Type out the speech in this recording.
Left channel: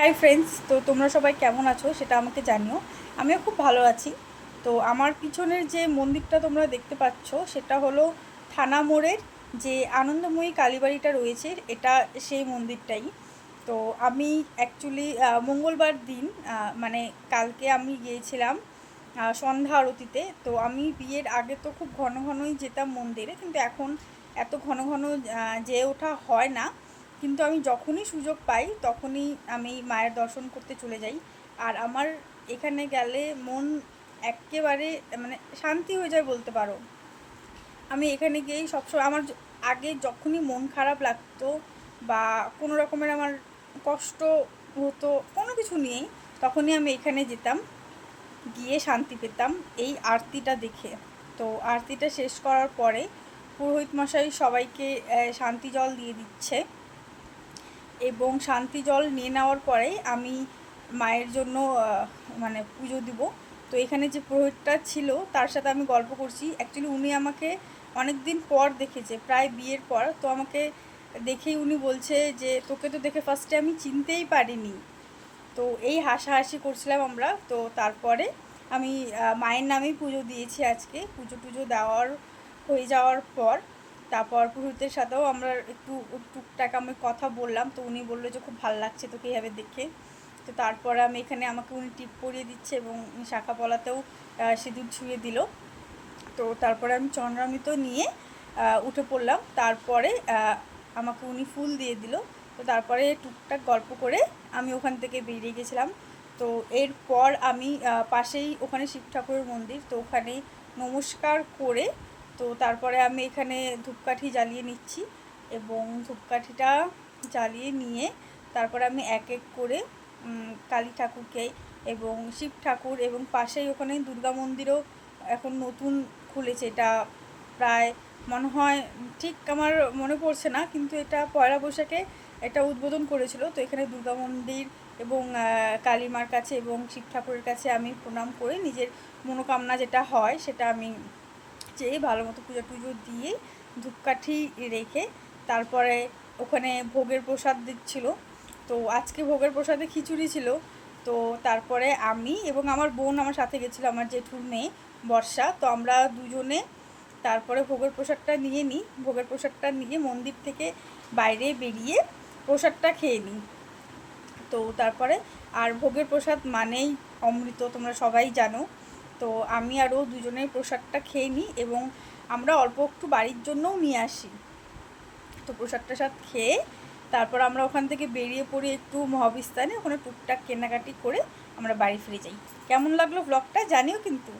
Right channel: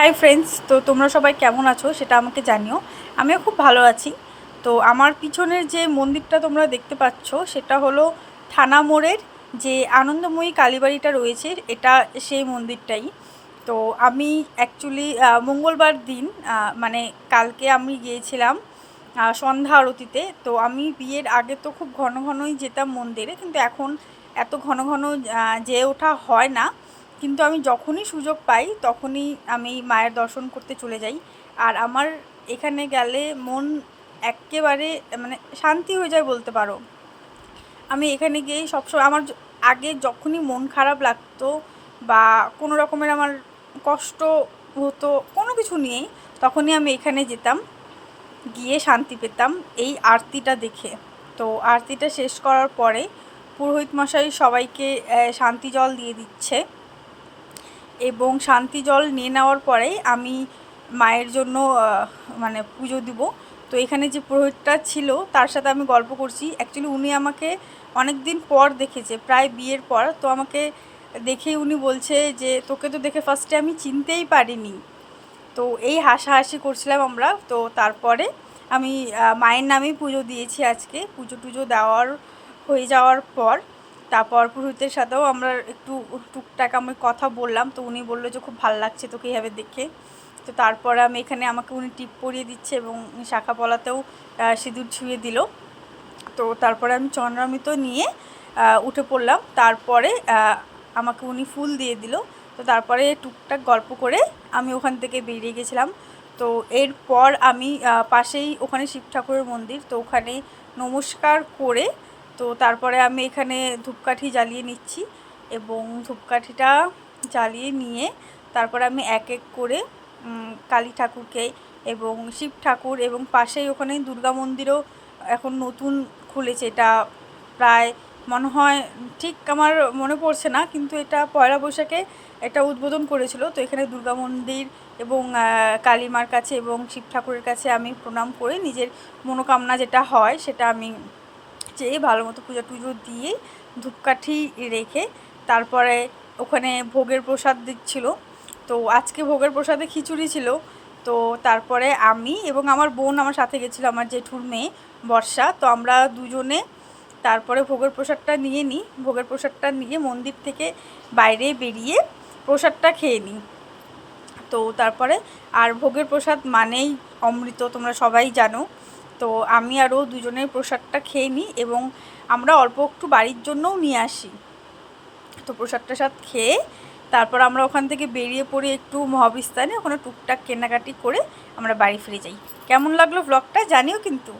Hi friends, তো তোমরা সবাই কেমন আছো সেটা আমাকে জানিও। আমিও খুব ভালো আছি। তো আমার পিছনের যে মন্দিরটা তোমরা দেখতে পাচ্ছ সেটা হলো থানা মোড়ের যে আনন্দময়ী কালীবাড়িটা রয়েছে, এটা সেই মন্দিরটাই। তো আমি অ্যাকচুয়ালি মঙ্গলবার দিন মানে কালকে আমি গিয়েছিলাম সন্ধ্যা আরতিতে। তো আমি বিয়ের আগে তো খুব ঘন ঘনই যেতাম মন্দিরে, কিন্তু এখন এত ঘন ঘন যেয়ে ওঠা হয় না। কিন্তু আমি যখনই সুযোগ পাই তখনই আমি মায়ের দর্শন করতে চলে যাই। আর আমার এখানে গেলে মন একেবারে মানে শান্তি হয়ে যায় বলতে পারো। আমি এখানে গিয়েই সবসময় আমার আগে যখনই মন খারাপ লাগতো বা কোনো রকমের আমার কষ্ট হতো কোনো কিছু নিয়েই, তখনই আমি এখানে যেতাম, গিয়ে শান্তি পেতাম এই আরতিটা দেখে। তো আরতিটা শেষ করার পরে পুরোহিত মশাই সবাইকে শান্তি জল দিয়ে দিচ্ছে, এবং শান্তি জল নিয়ে নেওয়ার পরেই আমি মায়ের জন্য মানে পুজো দিব। তো এখানে যে পুরোহিতটা ছিল তার সাথে আমি গল্প করছি। অ্যাকচুয়ালি উনি আমাকে অনেক দিন পর দেখেছে, প্রায় বিয়ের পর। তো আমাকে দেখেই উনি বলছে যে তোকে তো দেখে ফার্স্টে আমি চিনতেই পারিনি। তো এই হাসাহাসি করছিলাম আমরা। তো তারপরে আমি মায়ের নামেই পুজো দিয়েছি আজকে। পুজো টুজো দেওয়ার হয়ে যাওয়ার পর তারপর পুরোহিতের সাথেও আমরা একটু টুকটাক আমি কথা বললাম। তো উনি বললো যে খুব ভালো লাগছে তোকে এইভাবে দেখে। তো তারপরে আমি এখানে আমাকে উনি টিপ পরিয়ে দিচ্ছে এবং শাখা পলাতেও সিঁদুর ছুঁয়ে দিল। তো তারপরে আমি চন্দ্রামৃত নিয়ে উঠে পড়লাম। তারপরে আমাকে উনি ফুল দিয়ে দিল। তো তারপরে টুকটাক গল্প করে আমি ওখান থেকে বেরিয়ে গেছিলাম। তো এরপর আমি পাশেই ওখানে শিব ঠাকুরের মন্দির, তো ওখানে নমস্কার করে তো তারপরে আমি এখানে ধূপকাঠি জ্বালিয়ে নিচ্ছি, এবং ধূপকাঠিটা জ্বালিয়ে নিয়ে তারপরে আমি এক এক করে কালী ঠাকুরকে এবং শিব ঠাকুর, এবং পাশেই ওখানে দুর্গা মন্দিরও এখন নতুন খুলেছে। এটা প্রায় মনে হয়, ঠিক আমার মনে পড়ছে না, কিন্তু এটা পয়লা বৈশাখে এটা উদ্বোধন করেছিল। তো এখানে দুর্গা মন্দির এবং কালী মার কাছে এবং শিব ঠাকুরের কাছে আমি প্রণাম করে নিজের মনোকামনা যেটা হয় সেটা আমি চেয়ে ভালো মতো পুজো টুজো দিয়ে ধূপকাঠি রেখে তারপরে ওখানে ভোগের প্রসাদ দিচ্ছিল। তো আজকে ভোগের প্রসাদে খিচুড়ি ছিল। তো তারপরে আমি এবং আমার বোন আমার সাথে গেছিলো, আমার জেঠুর মেয়ে বর্ষা। তো আমরা দুজনে তারপরে ভোগের প্রসাদটা নিয়ে নিই। ভোগের প্রসাদটা নিয়ে মন্দির থেকে বাইরে বেরিয়ে প্রসাদটা খেয়ে নিই। তো তারপরে আর ভোগের প্রসাদ মানেই অমৃত, তোমরা সবাই জানো। তো আমি আরও দুজনের প্রসাদটা খেয়ে নিই এবং আমরা অল্প একটু বাড়ির জন্যও নিয়ে আসি। তো প্রসাদ টসাদ খেয়ে তারপর আমরা ওখান থেকে বেরিয়ে পড়ি একটু মহাবিস্তানে, ওখানে টুকটাক কেনাকাটি করে আমরা বাড়ি ফিরে যাই। কেমন লাগলো ব্লগটা জানিও কিন্তু।